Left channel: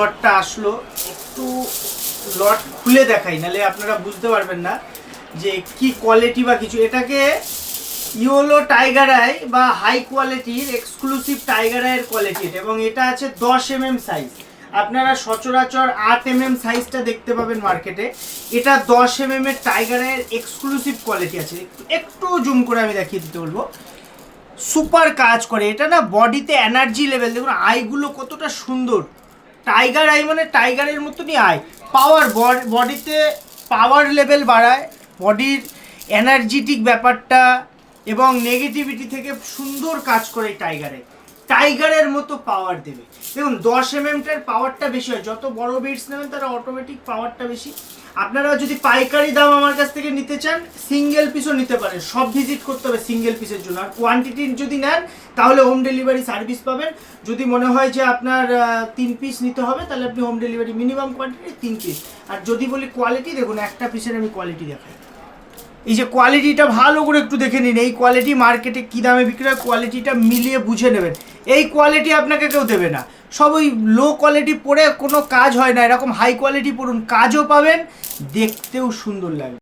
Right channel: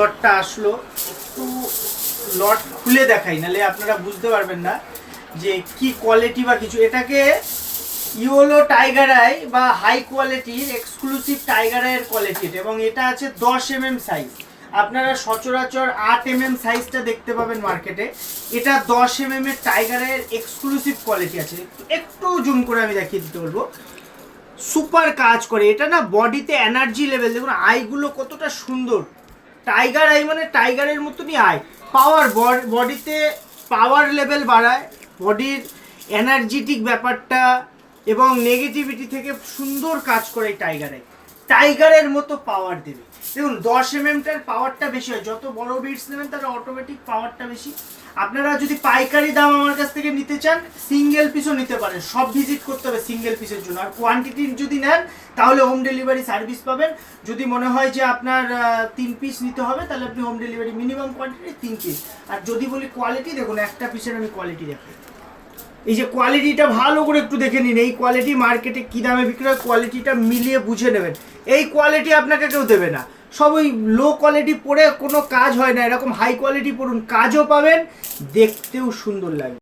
লটটা আসলো, একটু লট খুলে দেখাই, নাহলে আপনারা বুঝতে পারবেন না যে কি কোয়ালিটি বা কিছু। এটাকে ইয়োলো টাইগার আই বা হাই কোয়ালিটির এক্সক্লুসিভ টাইগার আইয়ের কোয়ালিটি এটা, এবং এটা আছে 10 mm সাইজ। আপনারা সচরাচর 8 mm সাইজটা দেখতে পাবেন মার্কেটে, এটা 10 mm এর টাইগার আইয়ের এক্সক্লুসিভ কোয়ালিটি আছে। একটু জুম করে আমি দেখিয়ে দিতে বলবো, সুপার কাজ করে এটা না। বডিতে এনার্জি লেভেল দেখুন, আইগুলো কতটা সুন্দর। টাইগার আই মানে টাইগারের মতনই আই, পাওয়ার, বডিতে পাওয়ার লেভেল বাড়ায়, বডির এনার্জেটিক ব্যাপারটা এবং নেগেটিভিটি থেকে সুন্দর কাজ করে এই টাইগারে। টাইগারের মতো পাওয়ার দেবে। দেখুন 10 mm-টার পাওয়ারটা বেশি হয়, যত বড় বিটস নেবেন তারা অটোমেটিক পাওয়ারটা বেশি। আপনারা যদি পাইকারি দাম আমার কাছ থেকে নিতে চান, সিঙ্গেল পিসও নিতে পারেন, সব ভিজিট করতে হবে সিঙ্গেল পিসের জন্য। আর কোয়ান্টিটি যদি নেন তাহলে হোম ডেলিভারি সার্ভিস পাবেন। যদি মনে হয় যে আপনার 3 পিস নিতে হবে, তাহলে আপনি home delivery, minimum quantity 3 piece. আর যদি বলি কোয়ালিটি, দেখুন একটা পিসের আমি কোয়ালিটি দেখাই। এই যে কোয়ালিটিটা ভালো করে একটু দেখে নিন, এই কোয়ালিটি মার্কেটে কী দামে বিক্রি হয়, কোয়ালিটিটা মিলিয়ে বুঝে নেবেন। এই কোয়ালিটি আপনাকে কেউ দেবে না, সব ওই লো কোয়ালিটি পরে কোনো কাজ হয় না। এরকম হাই কোয়ালিটি পড়ুন, কাজও পাবেন, দেখতেও সুন্দর লাগবে।